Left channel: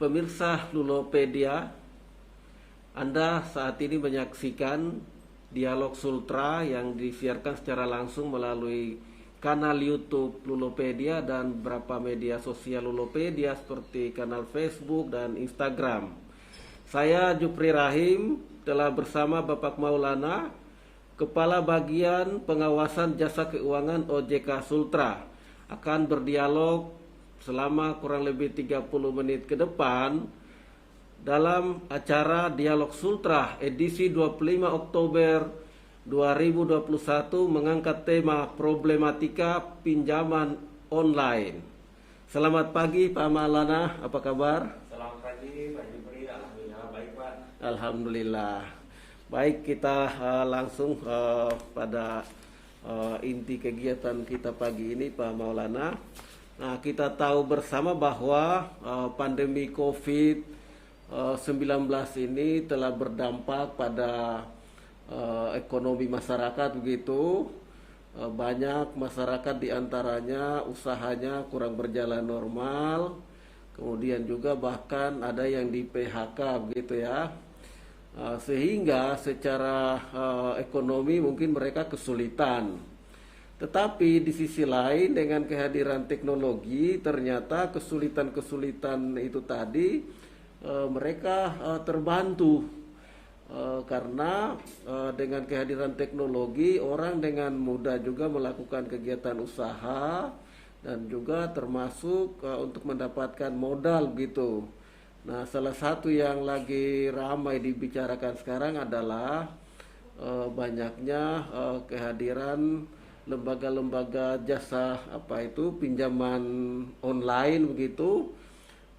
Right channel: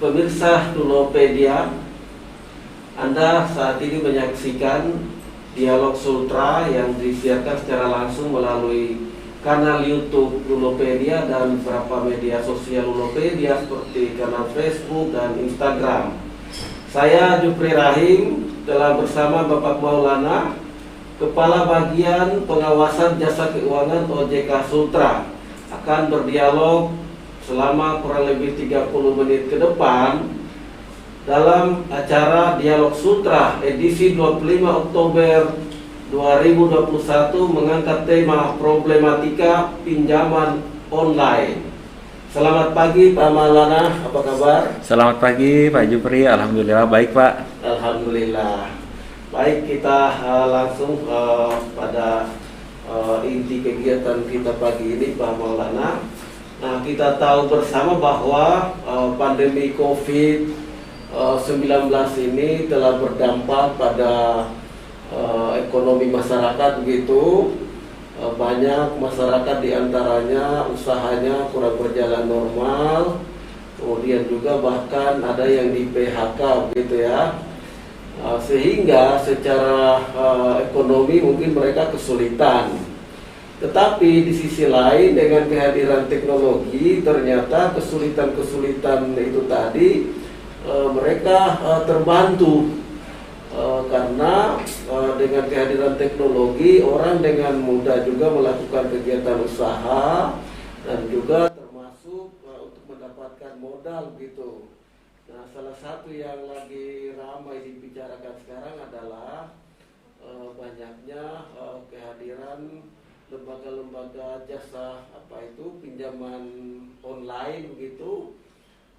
Pemirsa Tulopedia, Anda saat ini menyaksikan Dialog Sultra yang disiarkan secara langsung melalui kanal YouTube Tulopedia dan beberapa media sosial Tulopedia seperti kanal Facebook dan Instagram. Saya Jupri Rahim telah bersama Bapak Maulana, Kepala Bagian Pengawasan Jasa Keuangan OJK Sultra, akan berdialog selama kurang lebih 30 menit ke depan dalam acara Dialog Sultra edisi 25 Oktober 2021 mengangkat tema problematika pinjaman online. Selamat pagi Pak Maulana, apa kabar? Selamat pagi Pak Jupri, alhamdulillah baik Pak. Alhamdulillah. Baik, kita langsung pada inti kegiatan kita pagi ini Pak Maulana. Nah, kita tahu bersama bahwa pandemi COVID-19 ini telah berdampak pada ekonomi masyarakat begitu. Banyak masyarakat diantaranya usahanya kurang berjalan normal, kemudian juga bahkan ada yang di PHK begitu ya. Sehingga secara ekonomi mungkin mereka kesulitan. Tetapi di sisi lain dengan kehadiran teknologi ternyata kesulitan-kesulitan itu tadi mereka terbantu karena dengan kehadiran teknologi orang dengan mudah juga melakukan kegiatan usaha dan juga termasuk untuk mendapatkan modal gitu. Nah, salah satu yang lagi ramai dibicarakan sekarang adalah banyaknya kehadiran lembaga-lembaga jasa pinjaman online begitu.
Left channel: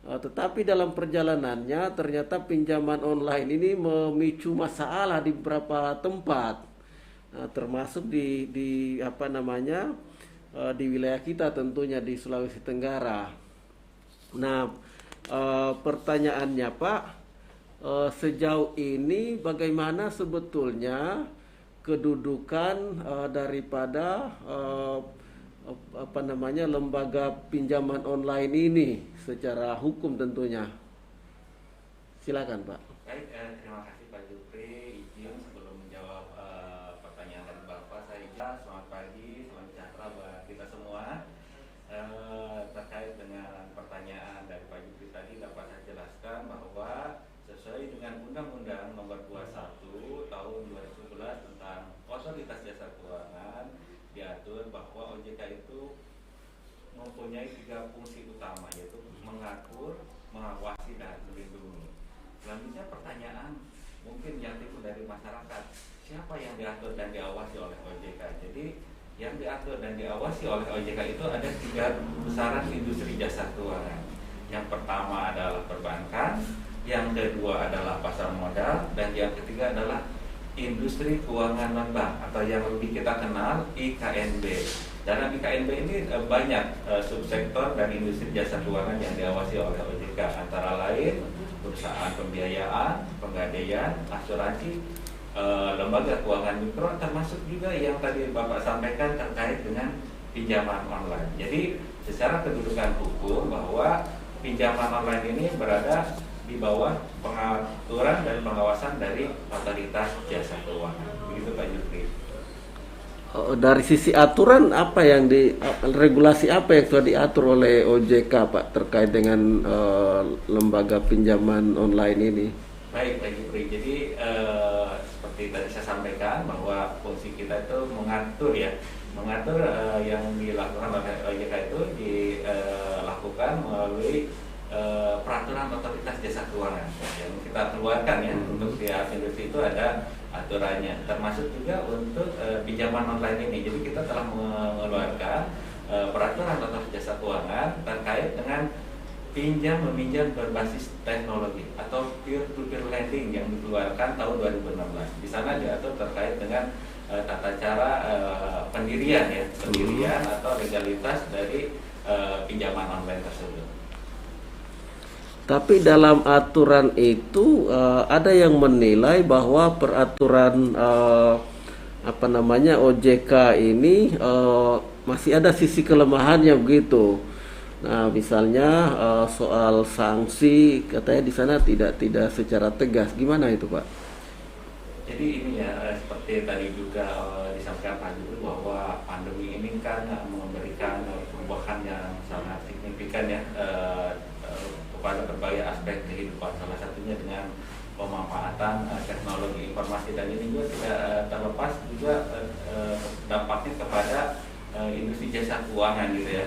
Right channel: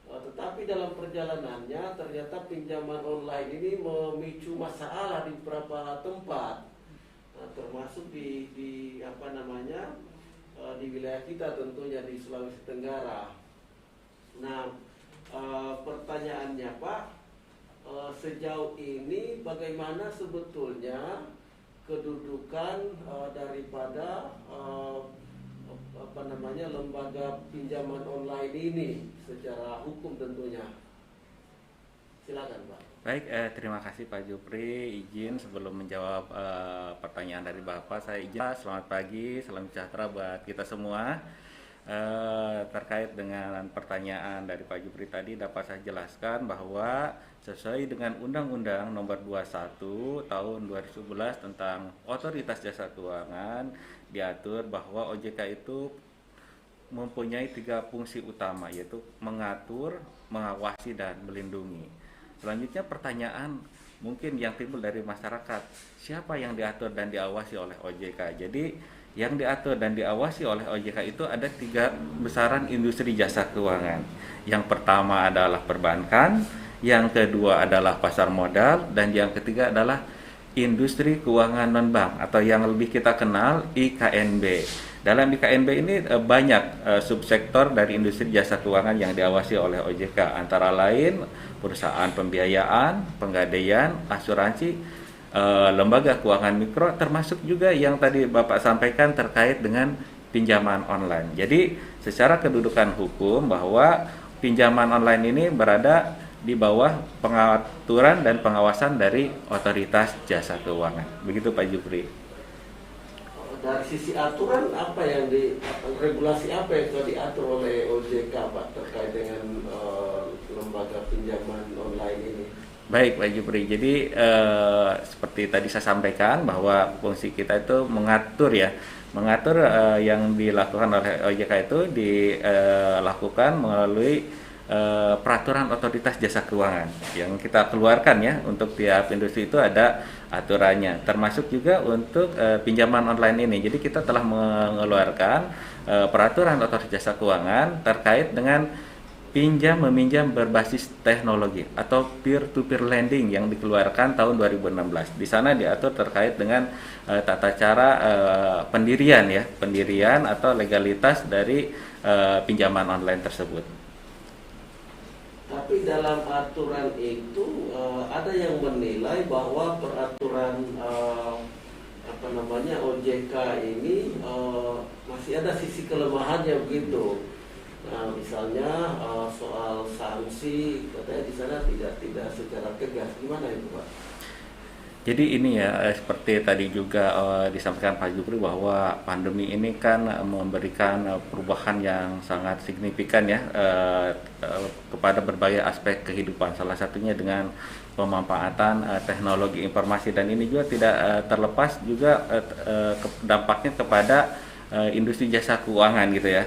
Tetapi dalam perjalanannya ternyata pinjaman online ini memicu masalah di beberapa tempat, termasuk di di wilayah kita tentunya di Sulawesi Tenggara. Nah, pertanyaannya Pak, sejauh ini bagaimana sebetulnya kedudukan daripada lembaga pinjaman online ini secara hukum tentunya? Silakan Pak. Baik, terima kasih Pak Jupri. Izin sebelum menjawab pertanyaan dari Bapak, saya izin selamat pagi, salam sejahtera buat kita semua. Terkait dengan pertanyaan dari Pak Jupri tadi, dapat saya jelaskan bahwa sesuai dengan Undang-Undang Nomor 21 Tahun 2011 tentang Otoritas Jasa Keuangan, diatur bahwa OJK itu mempunyai 3 fungsi utama, yaitu mengatur, mengawasi, dan melindungi. Selanjutnya pertanyaan mungkin yang timbul dari masyarakat, siapa yang diatur dan diawasi oleh OJK? Jadi yang diatur dan diawasi oleh OJK itu ada 3 besaran industri jasa keuangan. Yang pertama adalah perbankan, yang kedua adalah pasar modal, dan yang ketiga adalah industri keuangan non-bank atau yang lebih kita kenal IKNB. Dalam IKNB ini banyak subsektor dari industri jasa keuangan yang diawasi oleh OJK, antara lain perusahaan pembiayaan, penggadaian, asuransi, lembaga keuangan mikro, termasuk juga yang tadi Bapak sampaikan terkait dengan pinjaman online. Jadi secara kedudukan hukum bahwa pinjaman online ini berada di bawah pengaturan dan pengawasan dari Otoritas Jasa Keuangan. Begitu Pak Jupri. Dari sisi aturan apa yang regulasi apa yang sudah diatur oleh OJK Pak terkait dengan lembaga pinjaman online ini? Baik Pak Jupri, jadi seperti tadi saya sampaikan bahwa fungsi kita itu mengatur yang dilakukan oleh OJK itu dilakukan melalui peraturan Otoritas Jasa Keuangan yang kita keluarkan ya. Untuk tiap industri itu ada aturannya, termasuk juga untuk pinjaman online ini. Jadi kita telah mengeluarkan peraturan Otoritas Jasa Keuangan terkait dengan pinjam meminjam berbasis teknologi atau peer to peer lending yang dikeluarkan tahun 2016. Di sana diatur terkait dengan tata cara pendirian atau legalitas dari pinjaman online tersebut. Tapi dalam aturan itu ada yang menilai bahwa peraturan OJK ini masih ada sisi kelemahannya begitu. Nah, misalnya soal sanksi katanya di sana tidak secara tegas. Gimana itu, Pak? Jadi ini ya, seperti tadi juga disampaikan Pak Jupri bahwa pandemi ini kan memberikan perubahan yang sangat signifikan ya, kepada berbagai aspek kehidupan. Salah satunya dengan pemanfaatan teknologi informasi, dan ini juga tidak terlepas juga dampaknya kepada industri jasa keuangan gitu ya.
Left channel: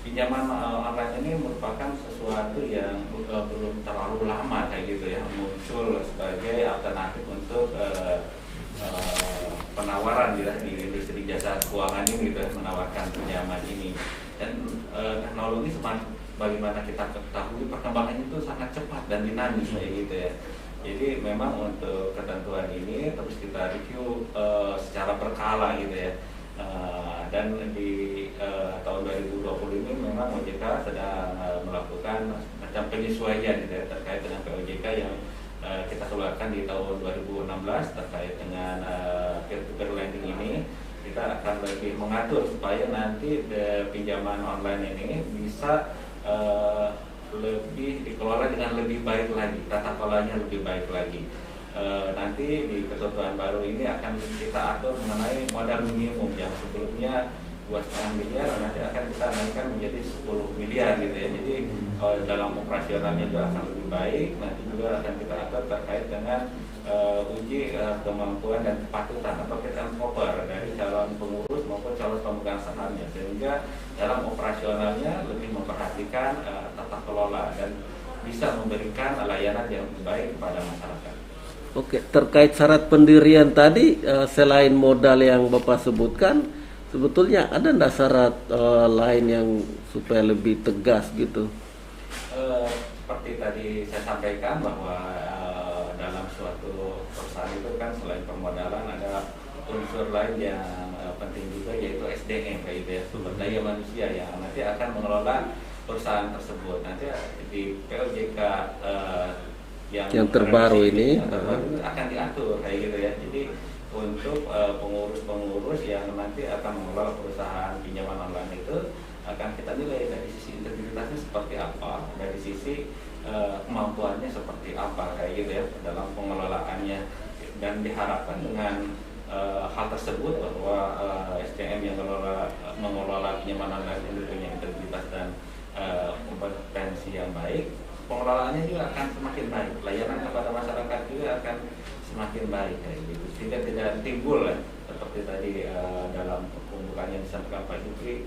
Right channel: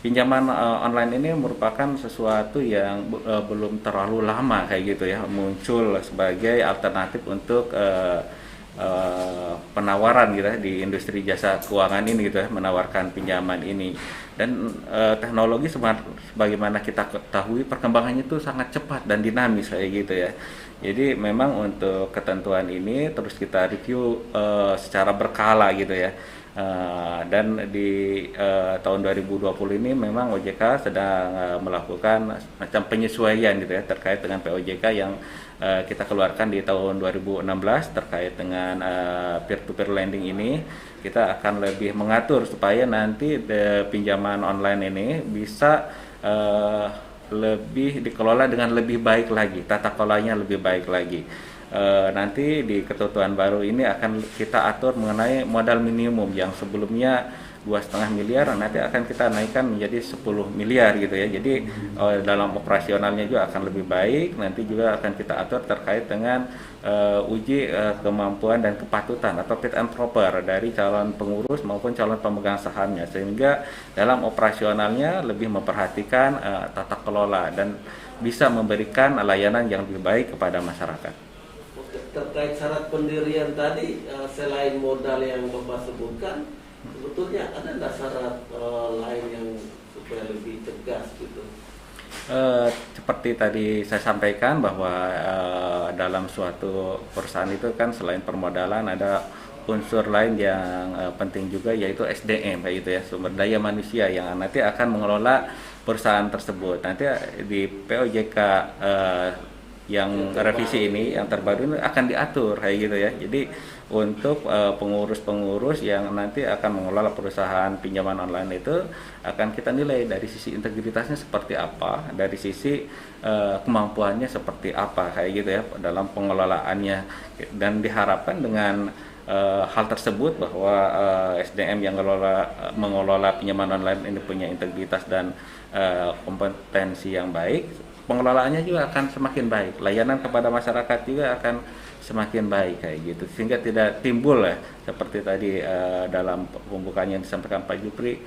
Pinjaman online ini merupakan sesuatu yang belum terlalu lama kayak gitu ya, muncul sebagai alternatif untuk penawaran gitu ya di industri jasa keuangan ini gitu ya, menawarkan pinjaman ini. Dan teknologi sebagaimana kita ketahui perkembangannya itu sangat cepat dan dinamis kayak gitu ya. Jadi memang untuk ketentuan ini terus kita review secara berkala gitu ya. Dan di tahun 2020 ini memang OJK sedang melakukan macam penyesuaian gitu ya terkait dengan POJK yang kita keluarkan di tahun 2016 terkait dengan peer-to-peer lending ini. Kita akan lebih mengatur supaya nanti pinjaman online ini bisa lebih dikelola dengan lebih baik lagi, tata kelolanya lebih baik lagi. Nanti di ketentuan baru ini akan kita atur mengenai modal minimum yang sebelumnya 2,5 miliar, nanti akan kita naikkan menjadi 10 miliar gitu ya. Jadi dalam operasionalnya juga akan lebih baik. Nanti juga akan kita atur terkait dengan uji kemampuan dan kepatutan atau fit and proper dari calon pengurus maupun calon pemegang sahamnya, sehingga dalam operasionalnya lebih memperhatikan tata kelola dan bisa memberikan layanan yang lebih baik kepada masyarakat. Oke, terkait syarat pendirian tadi, selain modal yang Bapak sebutkan, sebetulnya ada nggak syarat lain yang supaya lebih tegas gitu? Seperti tadi saya sampaikan bahwa dalam suatu perusahaan itu kan selain permodalan ada unsur lain yang penting juga, yaitu SDM kayak gitu ya, sumber daya manusia yang nanti akan mengelola perusahaan tersebut. Nanti di POJK yang terbaru ini yang terbaru ini akan diatur kayak gitu ya. Jadi untuk pengurus-pengurus yang nanti akan mengelola perusahaan pinjaman online itu akan kita nilai dari sisi integritasnya seperti apa, dari sisi kemampuannya seperti apa kayak gitu ya dalam pengelolaannya. Dan diharapkan dengan hal tersebut bahwa SDM yang mengelola pinjaman online ini punya integritas dan kompetensi yang baik, pengelolaannya juga akan semakin baik, layanan kepada masyarakat juga akan semakin baik kayak gitu, sehingga tidak timbul ya seperti tadi dalam pembukaannya yang disampaikan Pak Jupri,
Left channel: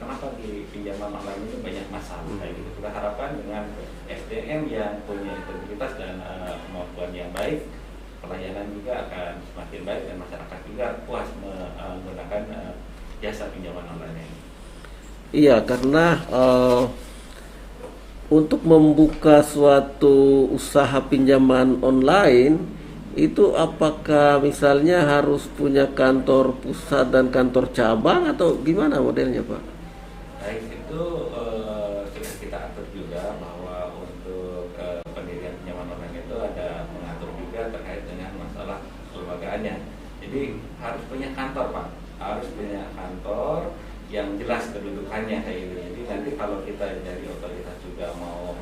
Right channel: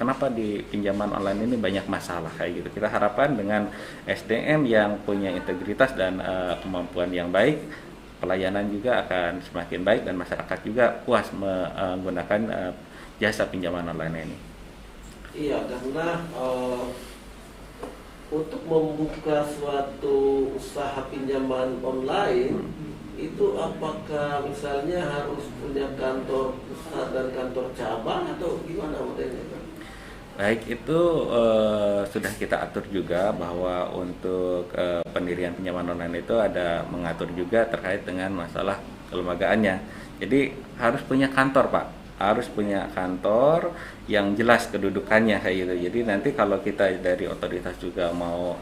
kenapa di pinjaman online ini banyak masalah kayak gitu. Kita harapkan dengan SDM yang punya integritas dan kemampuan yang baik, pelayanan juga akan semakin baik dan masyarakat juga puas menggunakan jasa pinjaman online ini. Iya, karena untuk membuka suatu usaha pinjaman online itu apakah misalnya harus punya kantor pusat dan kantor cabang atau gimana modelnya, Pak? Baik, itu sudah kita atur juga bahwa untuk pendirian pinjaman online itu ada mengatur juga terkait dengan masalah kelembagaannya. Jadi harus punya kantor, Pak. Harus punya kantor yang jelas kedudukannya kayak gitu. Jadi nanti kalau kita dari otoritas juga mau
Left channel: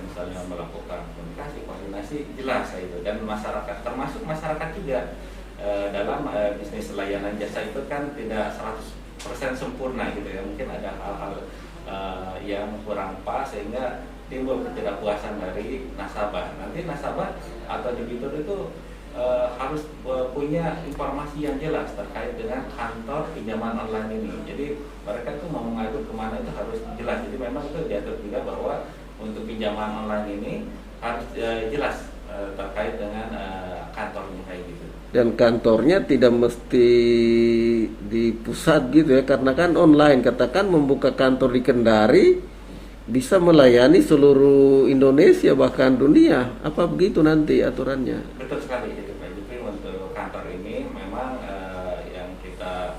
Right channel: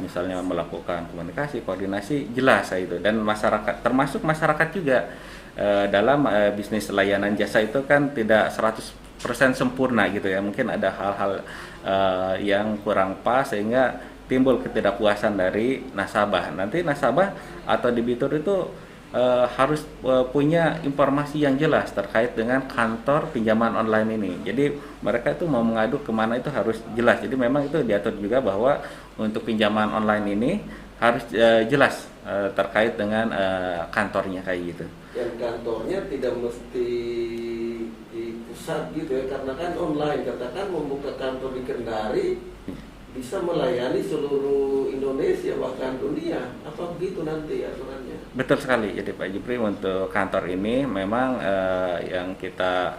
misalnya melakukan komunikasi, koordinasi, jelas kayak gitu. Dan masyarakat, termasuk masyarakat juga dalam bisnis layanan jasa itu kan tidak 100% sempurna gitu ya. Mungkin ada hal-hal yang kurang pas sehingga timbul ketidakpuasan dari nasabah. Nanti nasabah atau debitur itu harus punya informasi yang jelas terkait dengan kantor pinjaman online ini. Jadi mereka itu mau mengadu kemana itu harus jelas. Jadi memang itu diatur juga bahwa untuk pinjaman online ini harus jelas terkait dengan kantornya kayak gitu. Dan kantornya tidak mesti di pusat gitu ya, karena kan online. Katakan membuka kantor di Kendari bisa melayani seluruh Indonesia bahkan dunia. Apa begitu nanti aturannya? Betul sekali. Jadi Pak Jupri, untuk kantor ini memang yang kita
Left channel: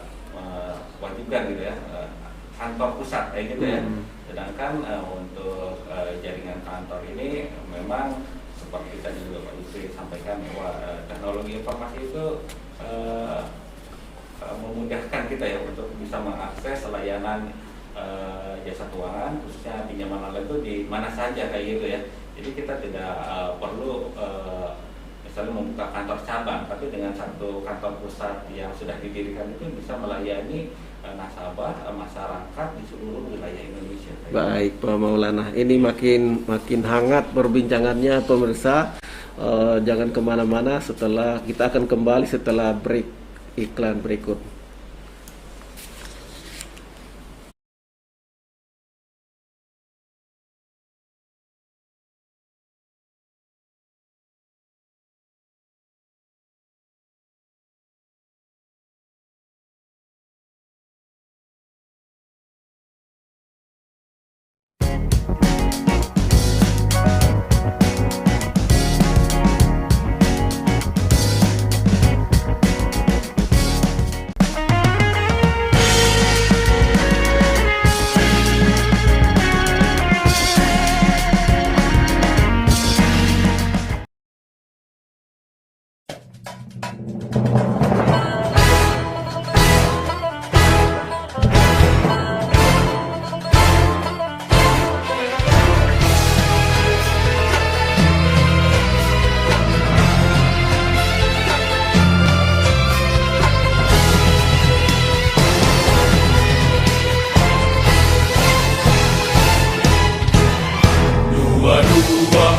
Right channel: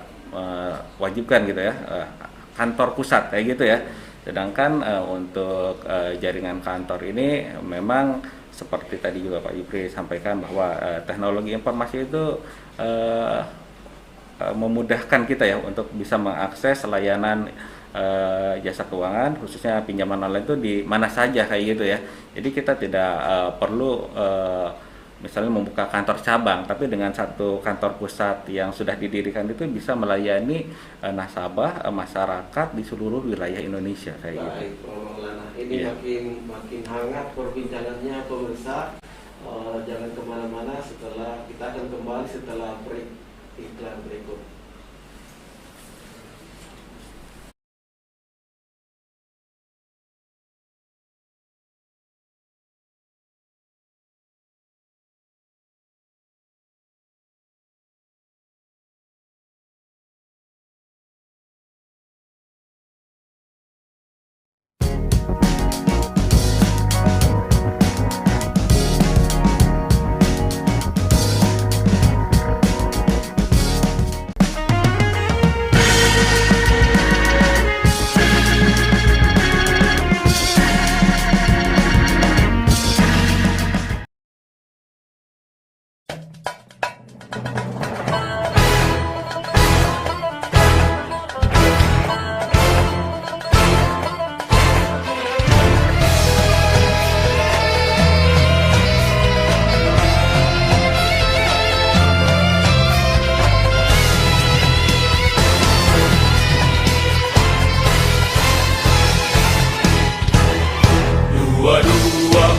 wajibkan gitu ya, kantor pusat kayak gitu ya. Sedangkan untuk jaringan kantor ini memang seperti tadi juga Pak Jupri sampaikan bahwa teknologi informasi itu memudahkan kita ya untuk bisa mengakses layanan jasa keuangan, khususnya pinjaman online itu di mana saja kayak gitu ya. Jadi kita tidak perlu misalnya membuka kantor cabang, tapi dengan satu kantor pusat yang sudah didirikan itu bisa melayani nasabah masyarakat di seluruh wilayah Indonesia. Baik, Pak Maulana. Ini makin hangat perbincangannya pemirsa. Jangan kemana-mana, kita akan kembali setelah break iklan berikut.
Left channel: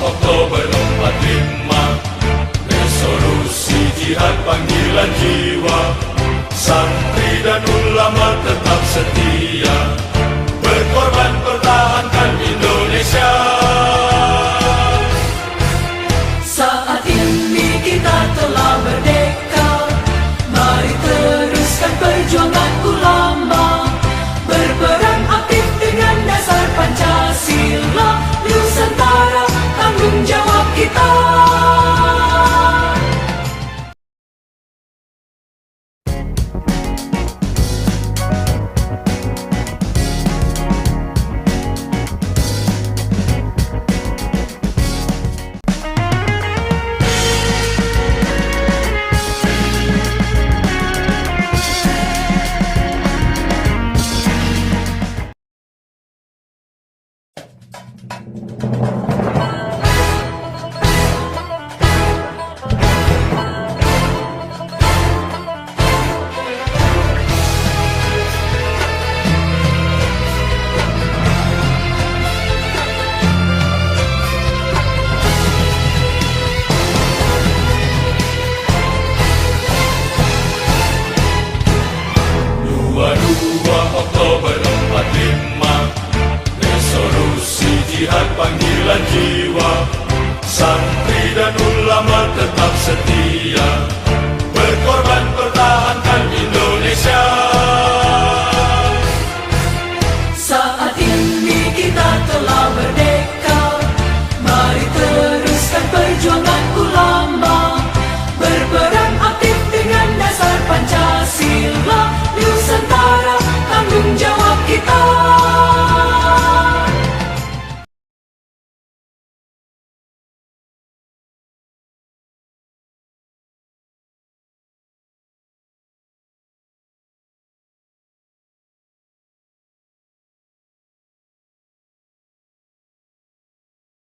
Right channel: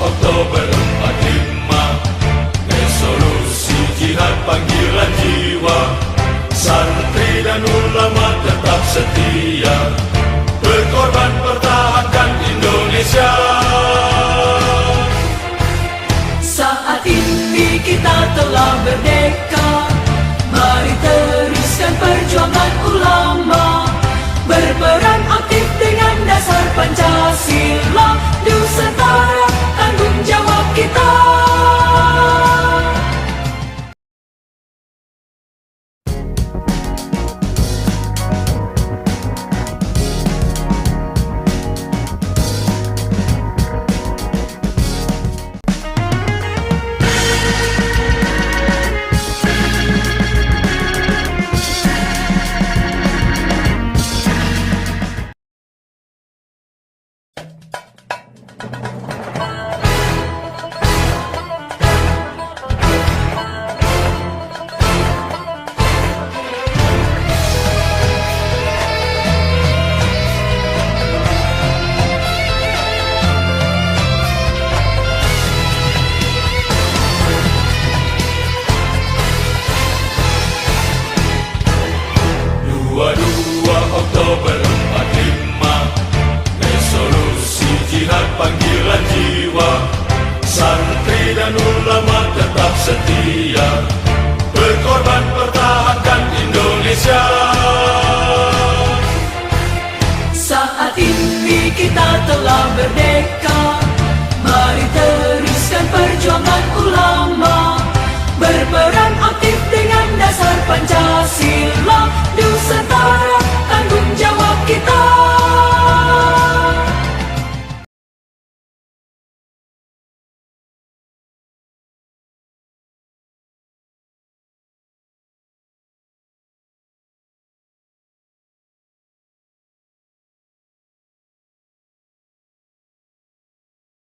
Oktober 45, resolusi jihad panggilan jiwa, santri dan ulama tetap setia, berkorban pertahankan Indonesia. Saat ini kita telah merdeka, mari teruskan perjuangan ulama, berperan aktif dengan dasar Pancasila, Nusantara tanggung jawab kita. Oktober 45, resolusi jihad panggilan jiwa, santri dan ulama tetap setia, berkorban pertahankan Indonesia. Saat ini kita telah merdeka, mari teruskan perjuangan ulama, berperan aktif dengan dasar Pancasila, Nusantara tanggung jawab kita.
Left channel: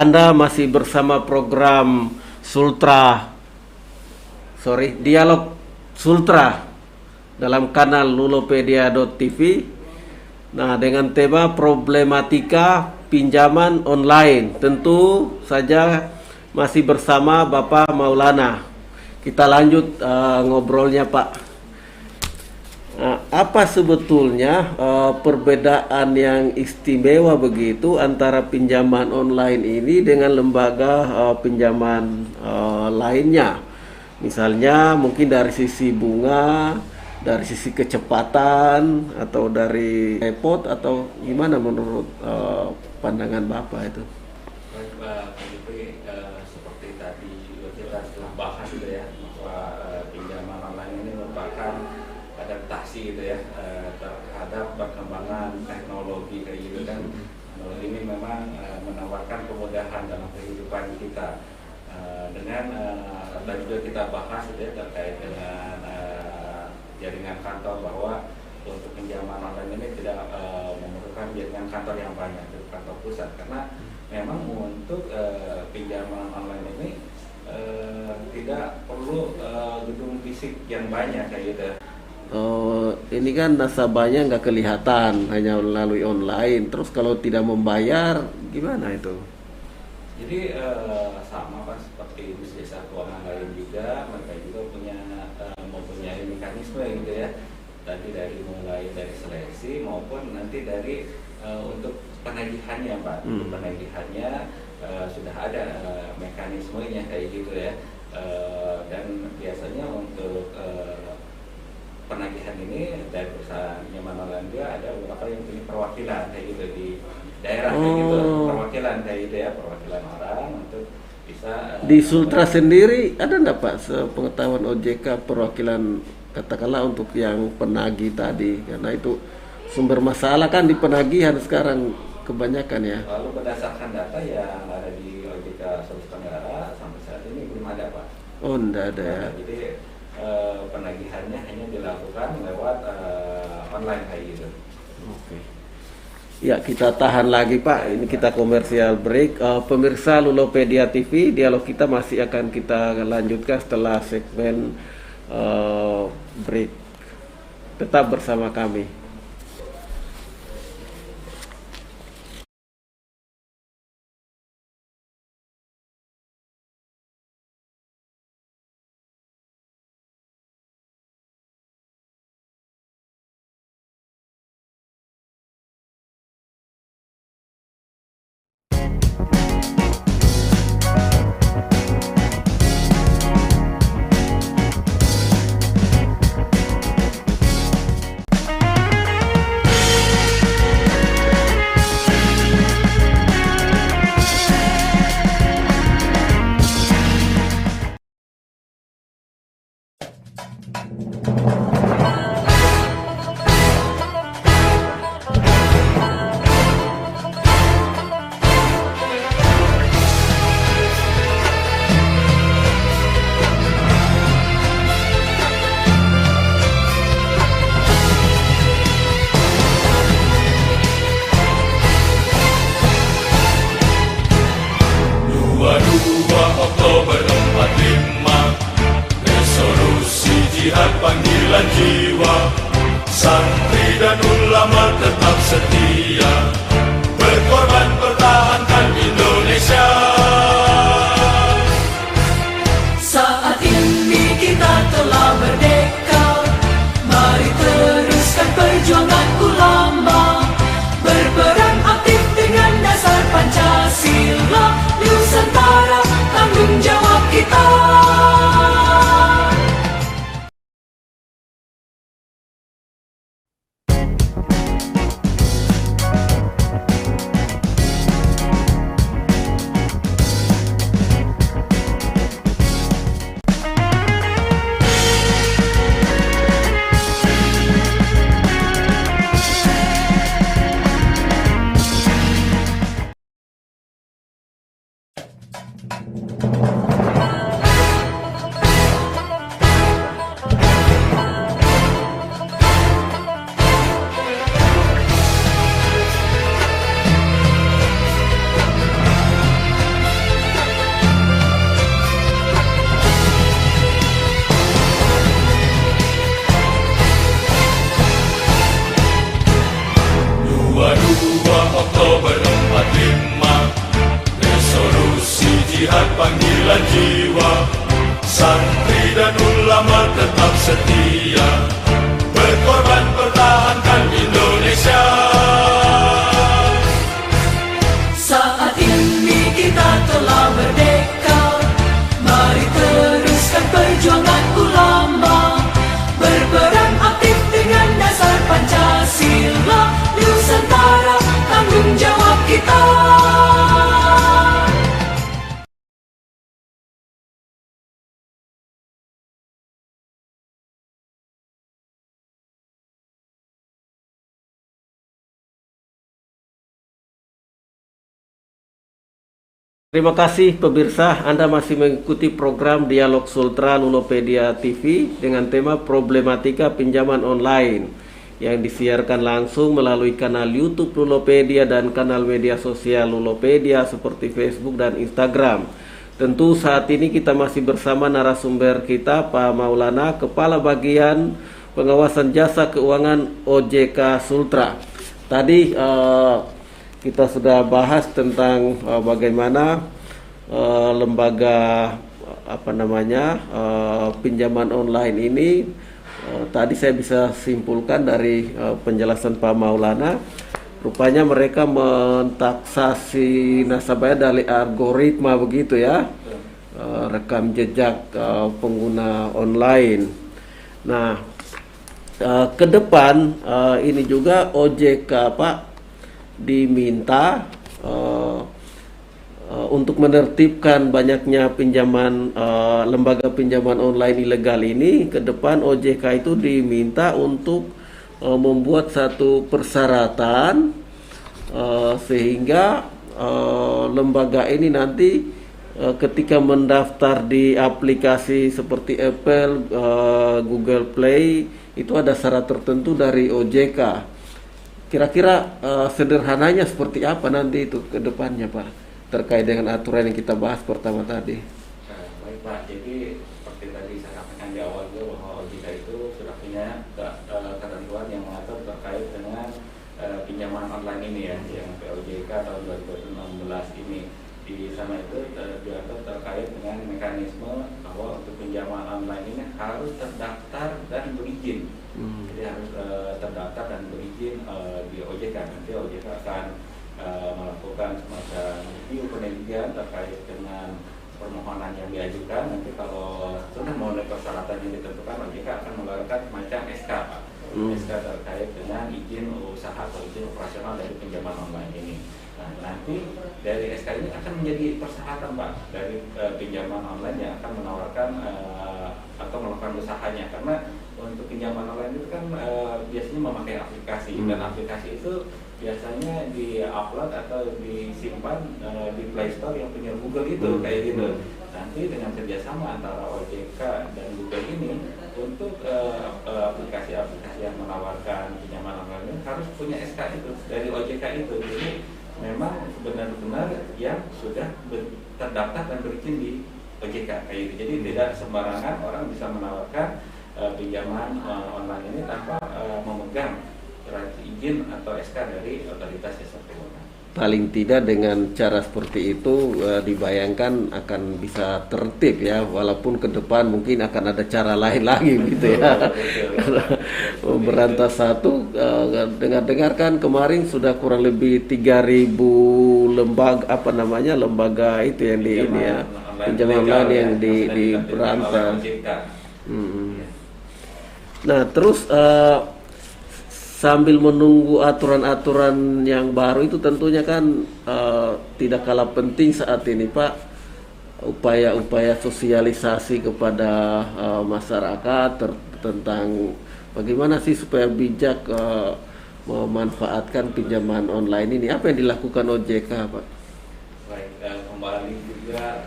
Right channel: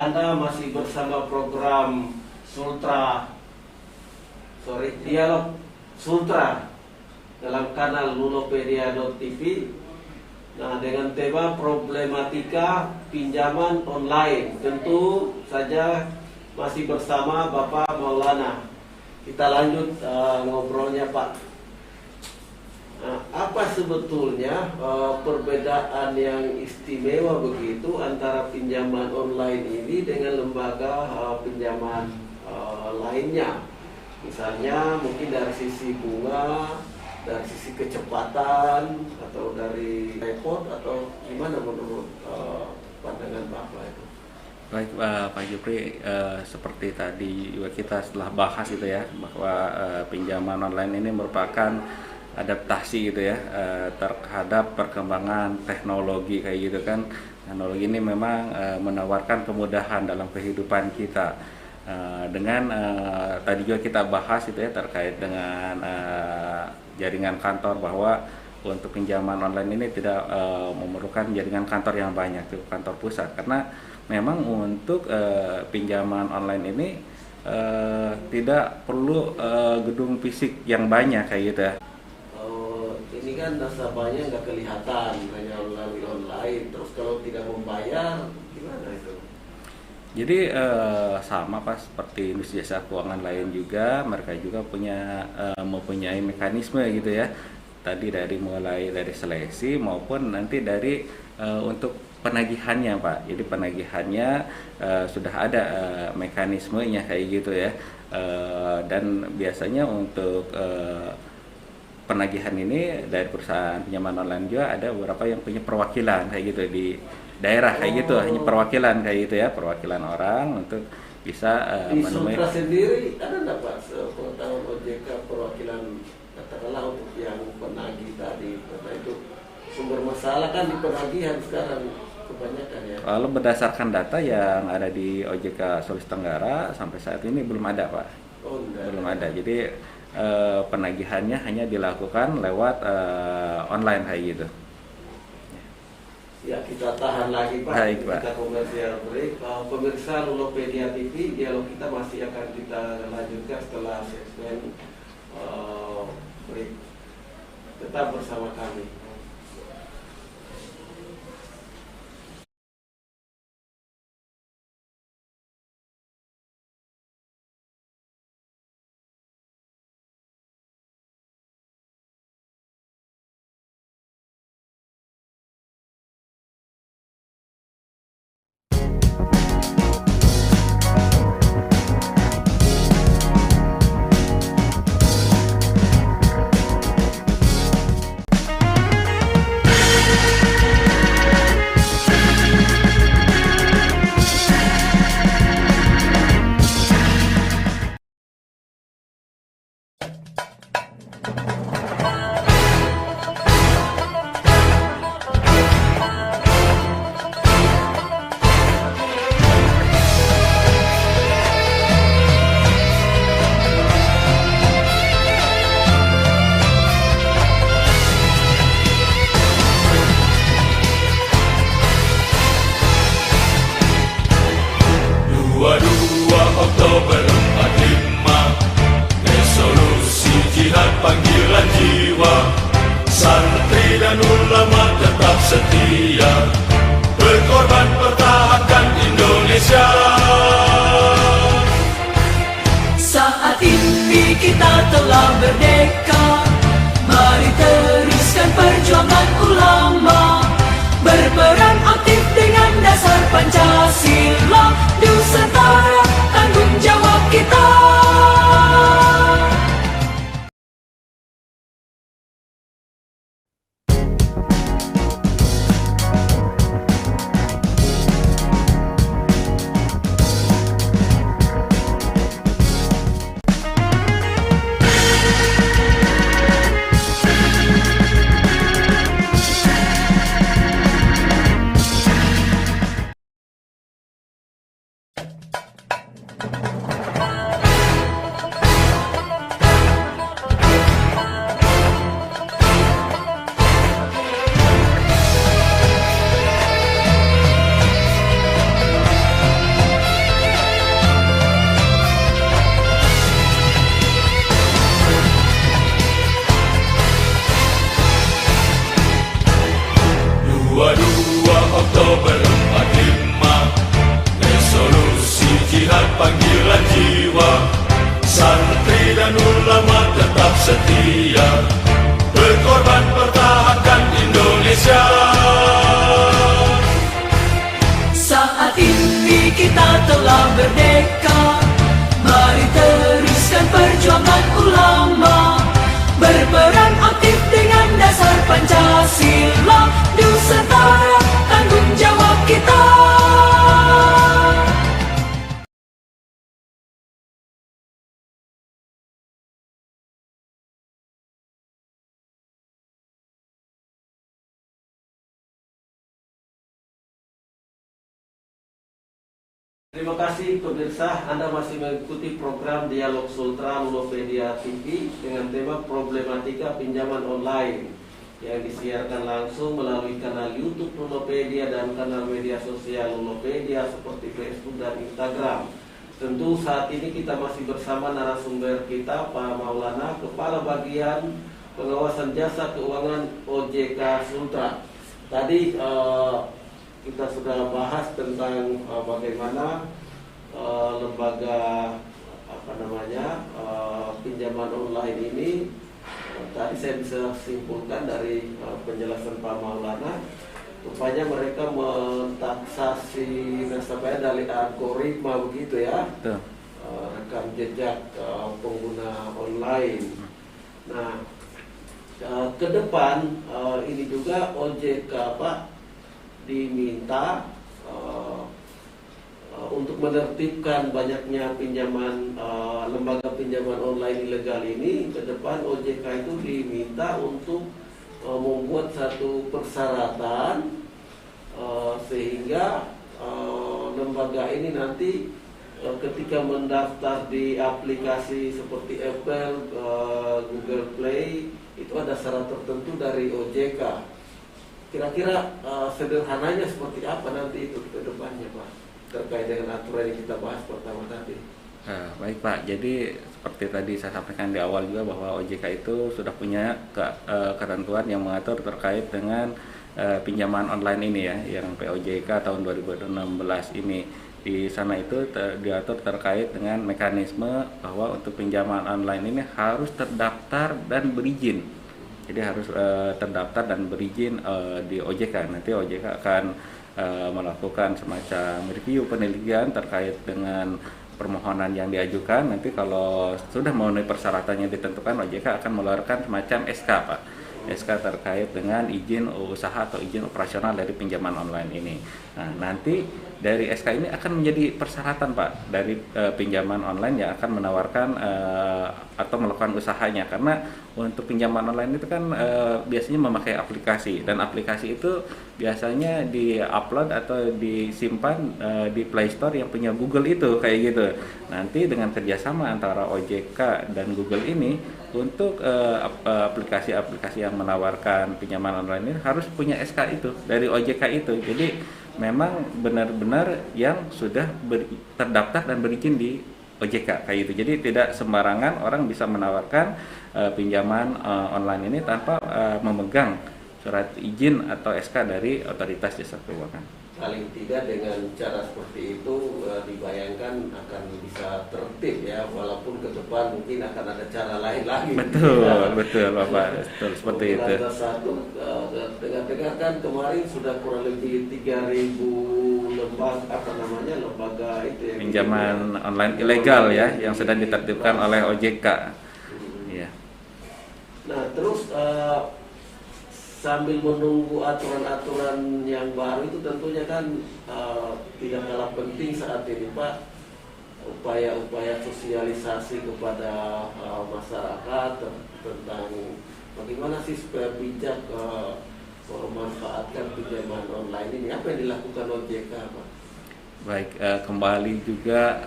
Anda masih bersama program Dialog Sultra dalam kanal Nulopedia.tv. Nah, dengan tema problematika pinjaman online. Tentu saja masih bersama Bapak Maulana. Kita lanjut ngobrolnya, Pak. Nah, apa sebetulnya perbedaan yang istimewa begitu antara pinjaman online ini dengan lembaga pinjaman lainnya? Misalnya mungkin dari sisi bunga, dari sisi kecepatan, atau dari repot, atau gimana menurut pandangan Bapak itu? Baik, Pak Jupri, seperti tadi juga kita setelah bahas itu ya, bahwa pinjaman online ini merupakan adaptasi gitu ya terhadap perkembangan teknologi kayak gitu kan. Teknologi ini memang menawarkan kemudahan dalam kehidupan kita. Dengan tadi juga kita bahas itu ya terkait dengan jaringan kantor, bahwa untuk pinjaman online ini tidak memerlukan jaringan kantor yang banyak, kantor pusat, karena memang untuk pinjaman online ini tidak perlu gedung fisik yang banyak kayak gitu ya. Ini kan nasabahnya nggak kelihatan, hanya melalui online. Terus kalau tidak membayar, gimana itu? Jadi sama Pak seperti industri jasa keuangan lain juga, mereka juga mempunyai mekanisme gitu ya. Tadi mulai dari seleksi maupun nanti dari untuk penagihannya Pak. Jadi penagihannya sudah ada mekanismenya kayak gitu ya. Dan biasanya untuk penagihan ini dari perusahaan pinjaman online juga ada beberapa yang punya perwakilan kayak gitu di daerah kayak gitu, perwakilan kayak gitu ya, perwakilan orang untuk bisa di Sultra sendiri ada enggak Pak sepengetahuan OJK perwakilan, katakanlah untuk yang penagih tadi, karena itu sumber masalah kan di penagihan sekarang kebanyakan ya. Kalau berdasarkan data yang ada di OJK Sulawesi Tenggara sampai saat ini belum ada Pak. Oh enggak Belum ada. ada. Jadi penagihannya hanya dilakukan lewat online kayak gitu. Ya, kita tahan lagi Pak. Baik, Ini Pak. kita komersial break. Pemirsa Lulopedia TV, dialog kita masih akan kita lanjutkan setelah segmen break. Tetap bersama kami. Oktober 45, resolusi jihad panggilan jiwa, santri dan ulama tetap setia, berkorban pertahankan Indonesia. Saat ini kita telah merdeka, mari teruskan perjuangan ulama, berperan aktif dengan dasar Pancasila, Nusantara tanggung jawab kita. Oktober 45, resolusi jihad panggilan jiwa, santri dan ulama tetap setia, berkorban pertahankan Indonesia. Saat ini kita telah merdeka, mari teruskan perjuangan ulama, berperan aktif dengan dasar Pancasila, Nusantara tanggung jawab kita. Terima kasih pemirsa, Anda masih mengikuti program Dialog Sultra Lulopedia TV dengan tema problematika pinjaman online. yang disiarkan langsung melalui kanal YouTube Lulopedia dan kanal media sosial Lulopedia seperti Facebook dan Instagram. Tentu saat ini kita masih bersama narasumber kita, Pak Maulana, Kepala Bagian Pengawasan Jasa Keuangan OJK Sultra. Tadi kita sudah bahas tentang bagaimana lembaga pinjaman online ini. Tadi saya bisa simpulkan dari penjelasan Pak Maulana, rupanya mereka mentaksasi nasabahnya dari algoritma begitu ya, rekam jejak pengguna online. Nah, ke depan ini juga OJK Pak diminta untuk menertibkan banyaknya pinjaman lembaga pinjaman online ilegal ini. Ke depan OJK itu diminta untuk membuat satu persyaratan sehingga lembaga ini nanti ketika mendaftar di aplikasi seperti Apple, Google Play itu ada syarat tertentu dari OJK. Kira-kira sederhananya seperti apa nanti itu ke depannya Pak, terkait dengan aturan yang kita bahas pertama tadi? Baik Pak, jadi seperti tadi saya sampaikan di awal juga bahwa OJK itu sudah punya ketentuan yang mengatur terkait dengan pinjaman online ini ya, yang POJK tahun 2016 ini. Di sana itu diatur terkait dengan mekanisme bahwa untuk pinjaman online ini harus terdaftar dan berizin. Jadi harus terdaftar dan berizin di OJK. Nanti OJK akan melakukan semacam review penelitian terkait dengan permohonan yang diajukan. Nanti kalau sudah memenuhi persyaratannya ditentukan, OJK akan mengeluarkan semacam SK Pak, SK terkait dengan izin usaha atau izin operasional dari pinjaman online ini. Nah, nanti dari SK ini akan menjadi persyaratan Pak dari pinjaman online yang akan menawarkan atau melakukan usahanya, karena untuk pinjaman online itu kan biasanya memakai aplikasi, dan aplikasi itu biasanya di-upload atau disimpan di Play Store yang punya Google itu kayak gitu. Nanti dengan kerjasama antara OJK dan Google ini untuk aplikasi-aplikasi yang menawarkan pinjaman online ini harus punya SK itu dari OJK itu. Jadi memang benar-benar yang sudah terdaftar dan berizin di OJK kayak gitu. Jadi tidak sembarangan orang bisa menawarkan pinjaman online ini tanpa memegang surat izin atau SK dari Otoritas Jasa Keuangan. Paling tidak dengan cara seperti itu dibayangkan akan bisa tertib ya, walaupun ke depan mungkin akan ada cara lain lagi gitu ya. Betul. Memberantas satu, dengar-dengar kan kemarin sudah kurang lebih 3.000 lembaga itu yang pinjaman online ilegal ya, yang sudah ditertibkan oleh OJK. Ya. Nah, terus sambil menunggu aturan-aturan yang baru itu tentunya kan tidak kalah penting saat ini Pak, upaya-upaya sosialisasi kepada masyarakat tentang bagaimana sih supaya bijak memanfaatkan pinjaman online ini. Apa yang dilakukan OJK Pak? Baik, kembali juga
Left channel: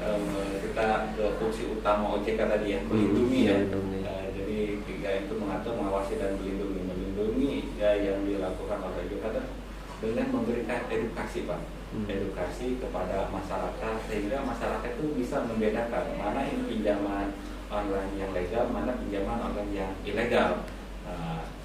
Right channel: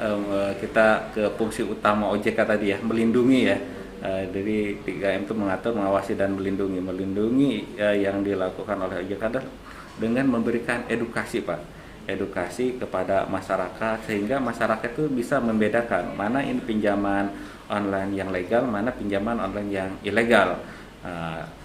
kita ke fungsi utama OJK tadi ya, melindungi ya. Dari 3M itu mengatur, mengawasi dan melindungi. Melindungi yang dilakukan oleh OJK adalah dengan memberikan edukasi Pak, edukasi kepada masyarakat sehingga masyarakat itu bisa membedakan mana ini pinjaman online yang legal, mana pinjaman online yang ilegal.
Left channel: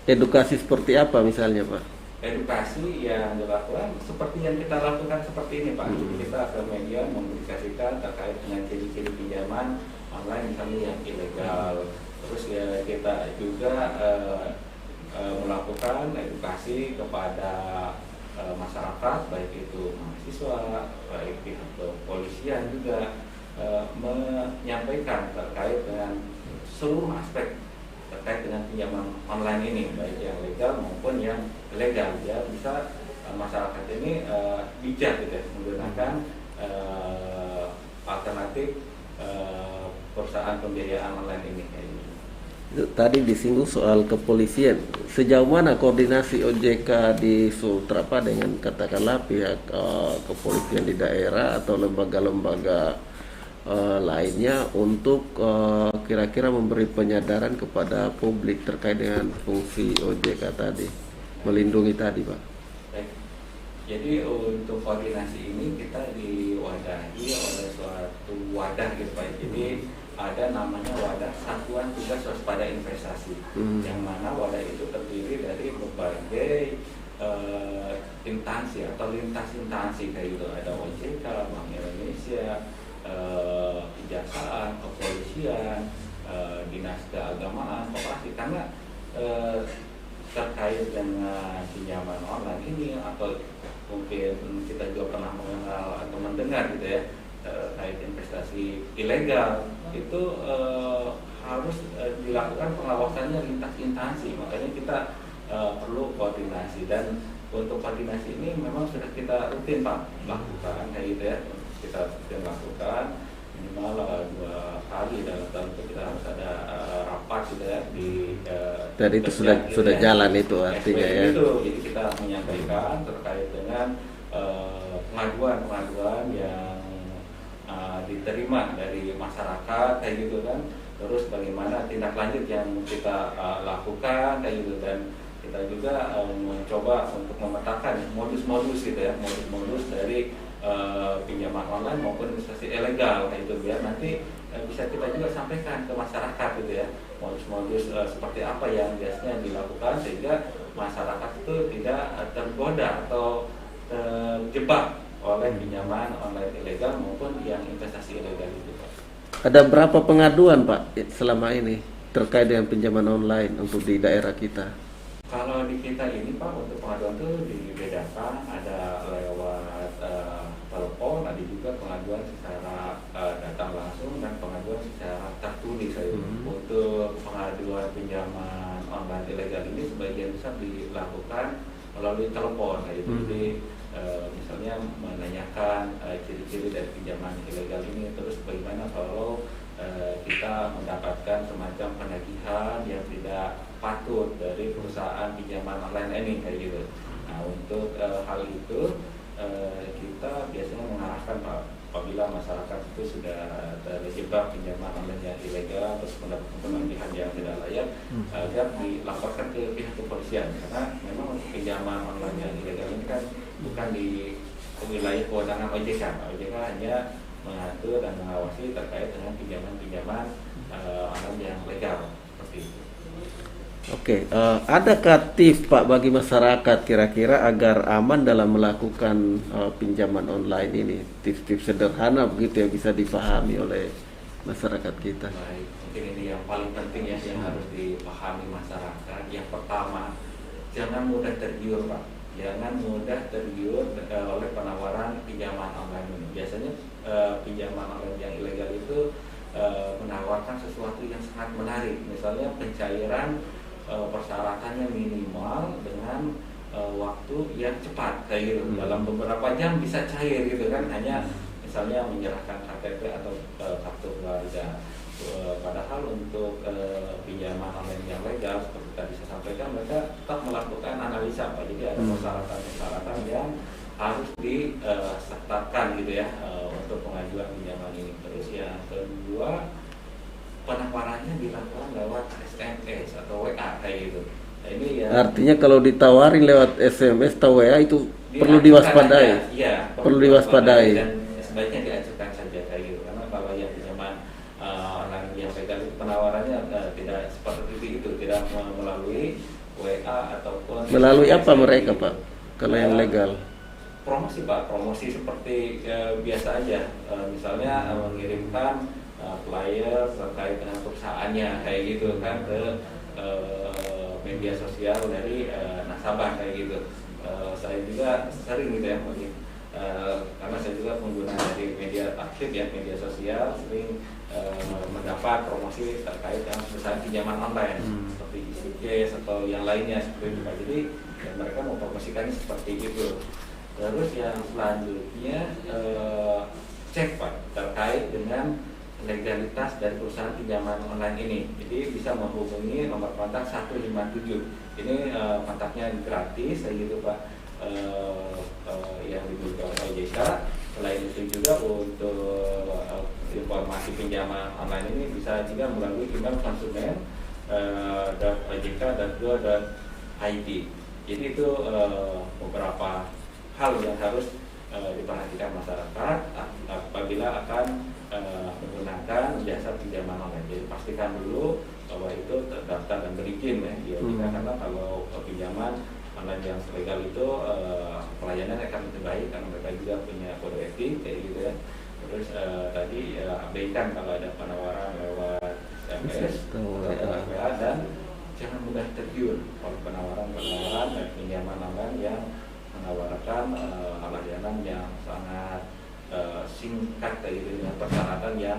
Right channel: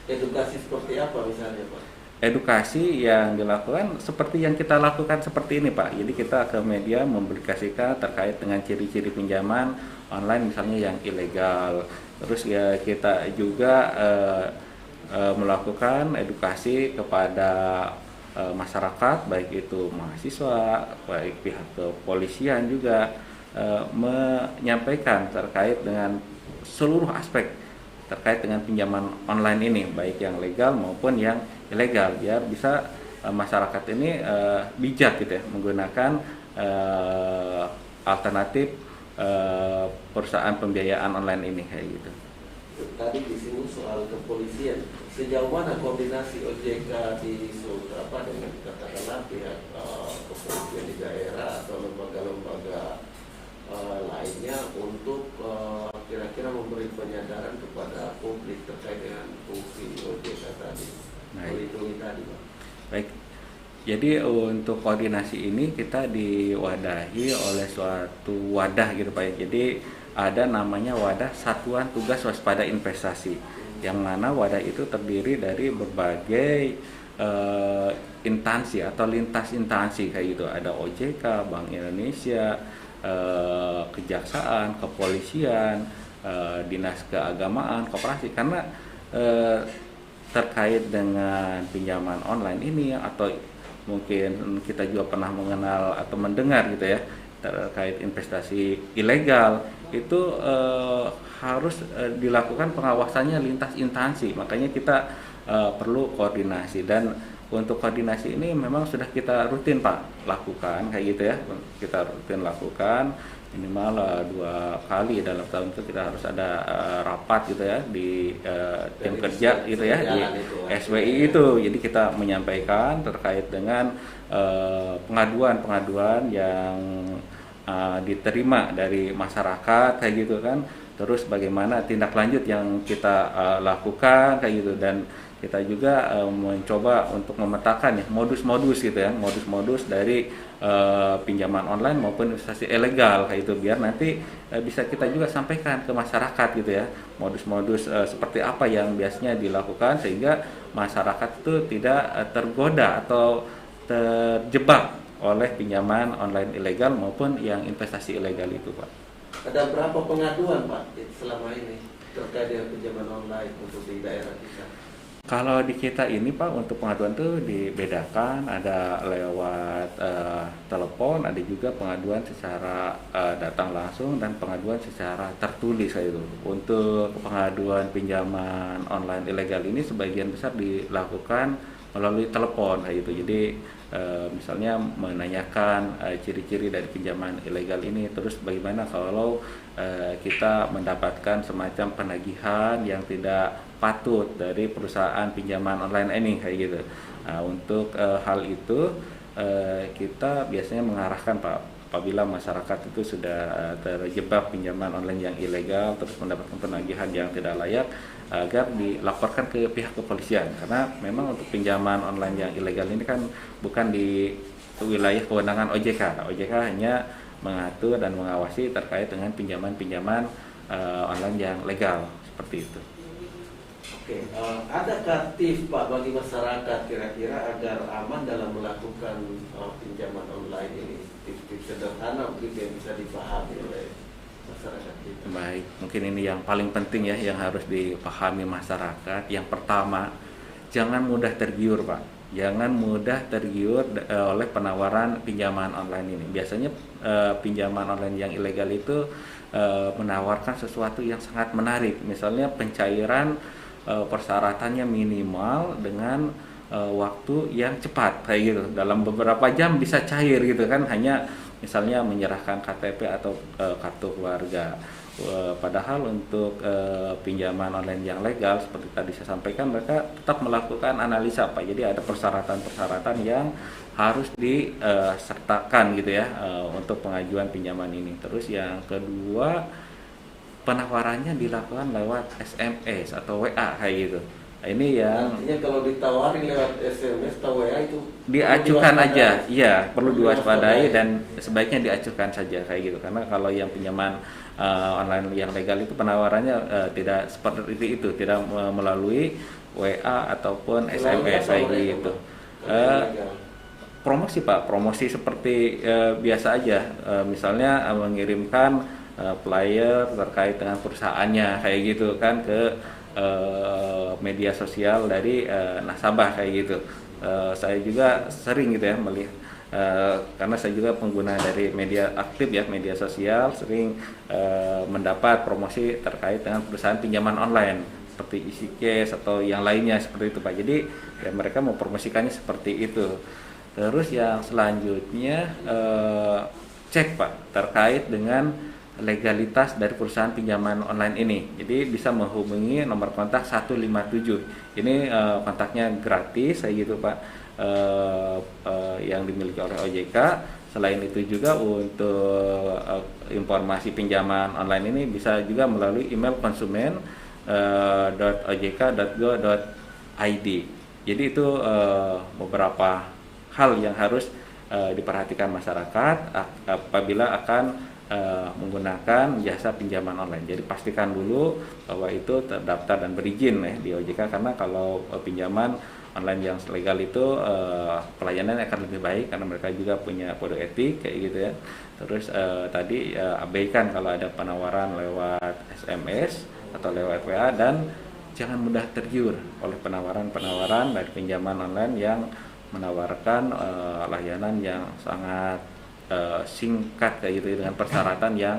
Edukasi seperti apa misalnya Pak? Edukasi yang dilakukan seperti yang kita lakukan seperti ini Pak. Jadi kita ke media mempublikasikan terkait dengan ciri-ciri pinjaman online misalnya yang ilegal. Terus ya kita juga melakukan edukasi kepada masyarakat, baik itu mahasiswa, baik pihak kepolisian juga menyampaikan terkait dengan seluruh aspek terkait dengan pinjaman online ini, baik yang legal maupun yang ilegal, biar bisa masyarakat ini bijak gitu ya, menggunakan alternatif perusahaan pembiayaan online ini kayak gitu. Tadi disinggung soal kepolisian. Sejauh mana koordinasi OJK di Sultra Pak dengan katakanlah pihak kepolisian di daerah atau lembaga-lembaga lainnya untuk kira-kira memberi penyadaran kepada publik terkait dengan fungsi OJK tadi, melindungi tadi, Pak. Baik. Jadi untuk koordinasi ini kita diwadahi oleh suatu wadah gitu Pak. Jadi ada namanya wadah Satuan Tugas Waspada Investasi, yang mana wadah itu terdiri dari berbagai instansi atau lintas instansi kayak gitu. Ada OJK, Bank Indonesia, Kejaksaan, Kepolisian, Dinas Keagamaan, Koperasi, karena terkait dengan pinjaman online ini, atau mungkin kita juga pernah mengenal atau mendengar gitu ya terkait investasi ilegal, itu harus dilakukan pengawasannya lintas instansi. Makanya kita perlu koordinasi, dan untuk koordinasi ini memang sudah kita rutin Pak lakukan kayak gitu ya. Kita rutin lakukan minimal 2 kali dalam tahun itu kita harus ada rapat gitu ya di dan itu kerja sudah ya, jalan di itu SWI ya. itu. Jadi kita menyampaikan terkait dengan pengaduan-pengaduan yang diterima dari masyarakat kayak gitu kan. Terus bagaimana tindak lanjut yang kita lakukan kayak gitu, dan kita juga mencoba untuk memetakan ya modus-modus gitu ya, modus-modus dari pinjaman online maupun investasi ilegal kayak itu, biar nanti bisa kita juga sampaikan ke masyarakat gitu ya, modus-modus seperti apa yang biasanya dilakukan, sehingga masyarakat itu tidak tergoda atau terjebak oleh pinjaman online ilegal maupun yang investasi ilegal itu Pak. Ada berapa pengaduan Pak selama ini terkait dengan pinjaman online untuk di daerah kita? Kalau di kita ini Pak, untuk pengaduan itu dibedakan, ada lewat telepon, ada juga pengaduan secara datang langsung, dan pengaduan secara tertulis kayak itu. Untuk pengaduan pinjaman online ilegal ini sebagian besar dilakukan melalui telepon kayak gitu. Jadi misalnya menanyakan ciri-ciri dari pinjaman ilegal ini, terus bagaimana kalau kita mendapatkan semacam penagihan yang tidak patut dari perusahaan pinjaman online ini kayak gitu. Nah, untuk hal itu kita biasanya mengarahkan Pak, apabila masyarakat itu sudah terjebak pinjaman online yang ilegal terus mendapatkan penagihan yang tidak layak, agar dilaporkan ke pihak kepolisian, karena memang untuk pinjaman online yang ilegal ini kan bukan di wilayah kewenangan OJK. OJK hanya mengatur dan mengawasi terkait dengan pinjaman-pinjaman online yang legal seperti itu. Oke, adakah tips Pak bagi masyarakat kira-kira agar aman dalam melakukan pinjaman online ini? Tips-tips sederhana begitu yang bisa dipahami oleh masyarakat kita. Baik, mungkin ini yang paling penting ya, yang harus dipahami masyarakat. Yang pertama, jangan mudah tergiur Pak. Jangan mudah tergiur oleh penawaran pinjaman online ini. Biasanya pinjaman online yang ilegal itu menawarkan sesuatu yang sangat menarik. Misalnya pencairan persyaratannya minimal dengan waktu yang cepat kayak gitu, dalam beberapa jam bisa cair gitu kan, hanya misalnya menyerahkan KTP atau kartu keluarga. Padahal untuk pinjaman online yang legal seperti tadi saya sampaikan, mereka tetap melakukan analisa Pak. Jadi ada persyaratan-persyaratan yang harus disertakan gitu ya untuk pengajuan pinjaman ini. Terus yang kedua, penawarannya dilakukan lewat SMS atau WA kayak gitu. Nah, ini ya artinya kalau ditawarin lewat SMS atau WA itu perlu diacuhkan diwaspadai. aja, iya perlu diwaspadai, dan dan sebaiknya diacuhkan saja kayak gitu. Karena kalau yang pinjaman online yang legal itu penawarannya tidak seperti itu, tidak melalui WA ataupun melalui SMS apa mereka gitu. Pak kalau yang legal? Promosi Pak, promosi seperti biasa aja, misalnya mengirimkan flyer terkait dengan perusahaannya kayak gitu kan ke media sosial dari nasabah kayak gitu. Saya juga sering gitu ya melihat, karena saya juga pengguna dari media aktif ya, media sosial, sering mendapat promosi terkait dengan perusahaan pinjaman online seperti EasyCash atau yang lainnya seperti itu Pak. Jadi ya mereka mau promosikannya seperti itu. Terus yang selanjutnya cek Pak terkait dengan legalitas dari perusahaan pinjaman online ini. Jadi bisa menghubungi nomor kontak 157. Ini kontaknya gratis kayak gitu Pak, yang dimiliki oleh OJK. Selain itu juga untuk informasi pinjaman online ini bisa juga melalui email konsumen .ojk.go.id. Jadi itu beberapa hal yang harus diperhatikan masyarakat apabila akan menggunakan jasa pinjaman online. Jadi pastikan dulu bahwa itu terdaftar dan berizin ya di OJK, karena kalau pinjaman online yang legal itu pelayanannya akan lebih baik karena mereka juga punya kode etik kayak gitu ya. Terus tadi abaikan kalau ada penawaran lewat SMS atau lewat WA, dan jangan mudah tergiur oleh penawaran-penawaran dari pinjaman online yang menawarkan layanan yang sangat singkat kayak gitu dengan persyaratan yang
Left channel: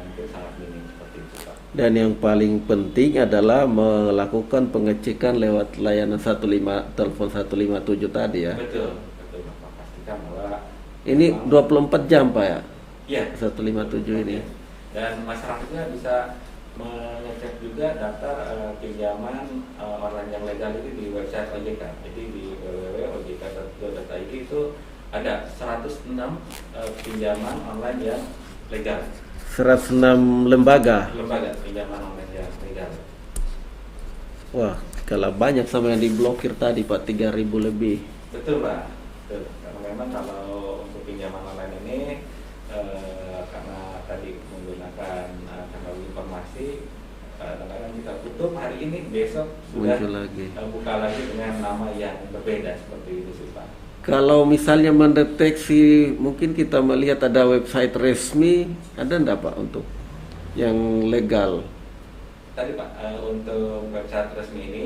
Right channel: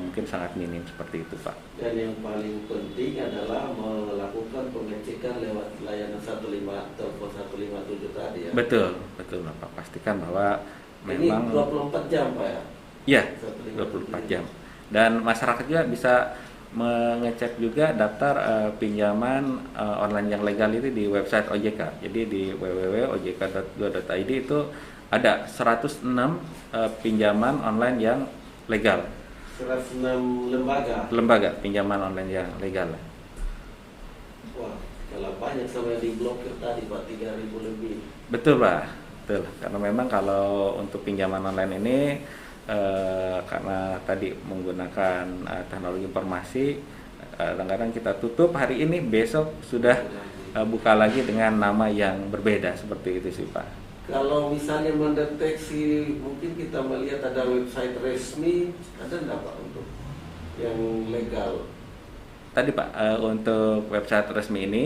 mungkin sangat minim seperti itu, Pak. Dan yang paling penting adalah melakukan pengecekan lewat layanan telepon 157 tadi ya. Betul Bapak. Pastikan bahwa ini 24 jam Pak ya? Iya, 157 ini. Dan masyarakat juga bisa mengecek juga daftar pinjaman online yang legal ini di website OJK. Jadi di www.ojk.go.id itu ada 106 pinjaman online yang legal. 106 lembaga pinjaman online yang legal. Wah, kalau banyak sama yang diblokir tadi Pak, 3.000 lebih. Betul Pak, betul. Karena memang kalau untuk pinjaman online ini karena tadi menggunakan teknologi informasi, kadang-kadang kita tutup hari ini, besok sudah buka lagi dengan nama yang berbeda, seperti itu sih Pak. Kalau misalnya mendeteksi, mungkin kita melihat ada website resmi, ada enggak Pak untuk yang legal? Tadi Pak, untuk website resmi ini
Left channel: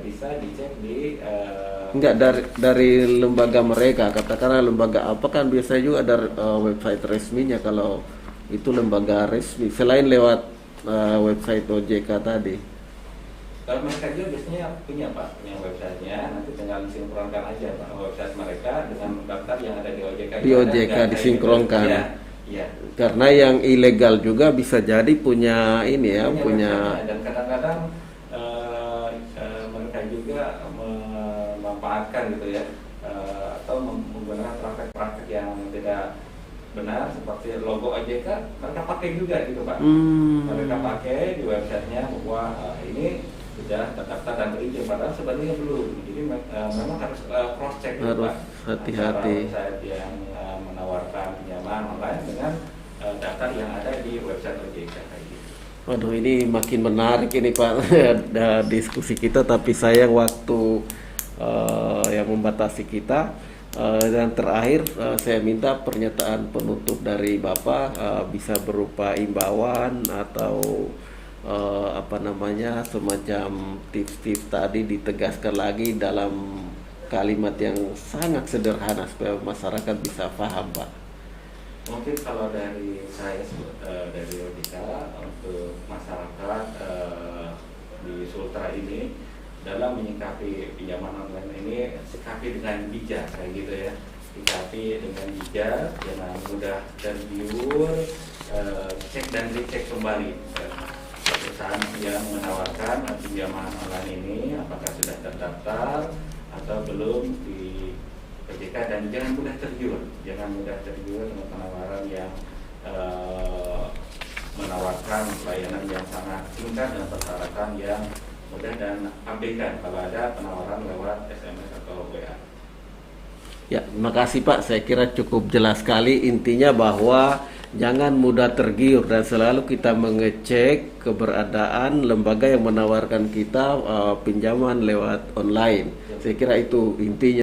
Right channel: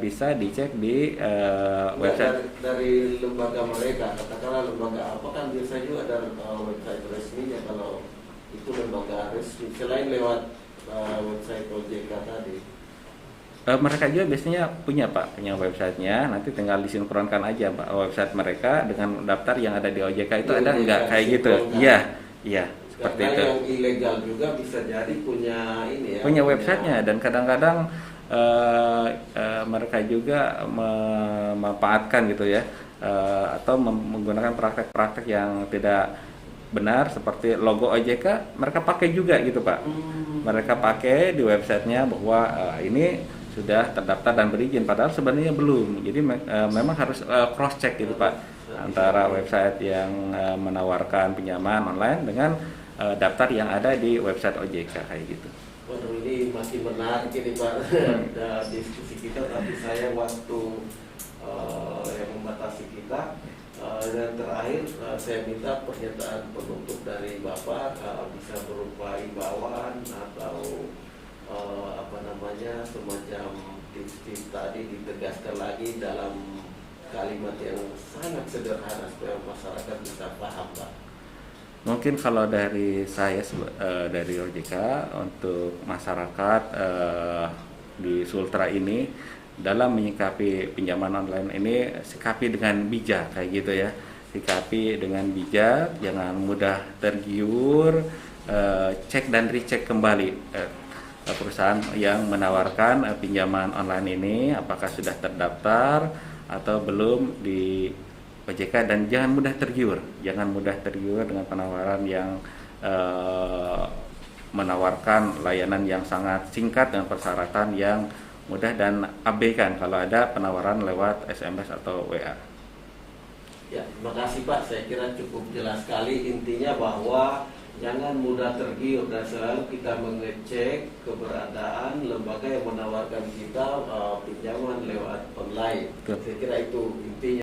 bisa dicek di enggak dari lembaga mereka, katakanlah lembaga apa, kan biasanya juga ada website resminya kalau itu lembaga resmi, selain lewat website OJK tadi. Mereka juga biasanya punya websitenya, nanti tinggal disinkronkan aja Pak website mereka dengan daftar yang ada di OJK itu, di OJK disinkronkan. Gitu. Iya. Karena yang ilegal juga bisa jadi punya ini ya, punya websitenya, dan kadang-kadang mereka juga memanfaatkan gitu ya, atau menggunakan praktek-praktek yang tidak benar seperti logo OJK mereka pakai juga gitu Pak. Mereka pakai di websitenya bahwa ini sudah terdaftar dan berizin, padahal sebenarnya belum. Jadi memang harus cross check gitu Pak, antara website yang menawarkan pinjaman online dengan daftar yang ada di website OJK kayak gitu. Waduh, ini makin menarik ini Pak diskusi kita, tapi sayang waktu yang membatasi kita. Dan terakhir saya minta pernyataan penutup dari Bapak, bisa berupa imbauan atau semacam tips-tips tadi ditegaskan lagi dalam kalimat yang sangat sederhana supaya masyarakat bisa paham Pak. Mungkin kalau dari saya dari OJK untuk masyarakat di Sultra ini, dalam menyikapi pinjaman online ini sikapi dengan bijak kayak gitu ya. Sikapi dengan bijak, jangan mudah tergiur, cek dan recheck kembali perusahaan yang menawarkan pinjaman online ini apakah sudah terdaftar atau belum di OJK, dan jangan mudah tergiur dengan penawaran yang menawarkan layanan yang sangat singkat dengan persyaratan yang mudah, dan abaikan kalau ada penawaran lewat SMS atau WA. Ya, terima kasih Pak. Saya kira cukup jelas sekali, intinya bahwa jangan mudah tergiur dan selalu kita mengecek keberadaan lembaga yang menawarkan kita pinjaman lewat online. Saya kira itu intinya.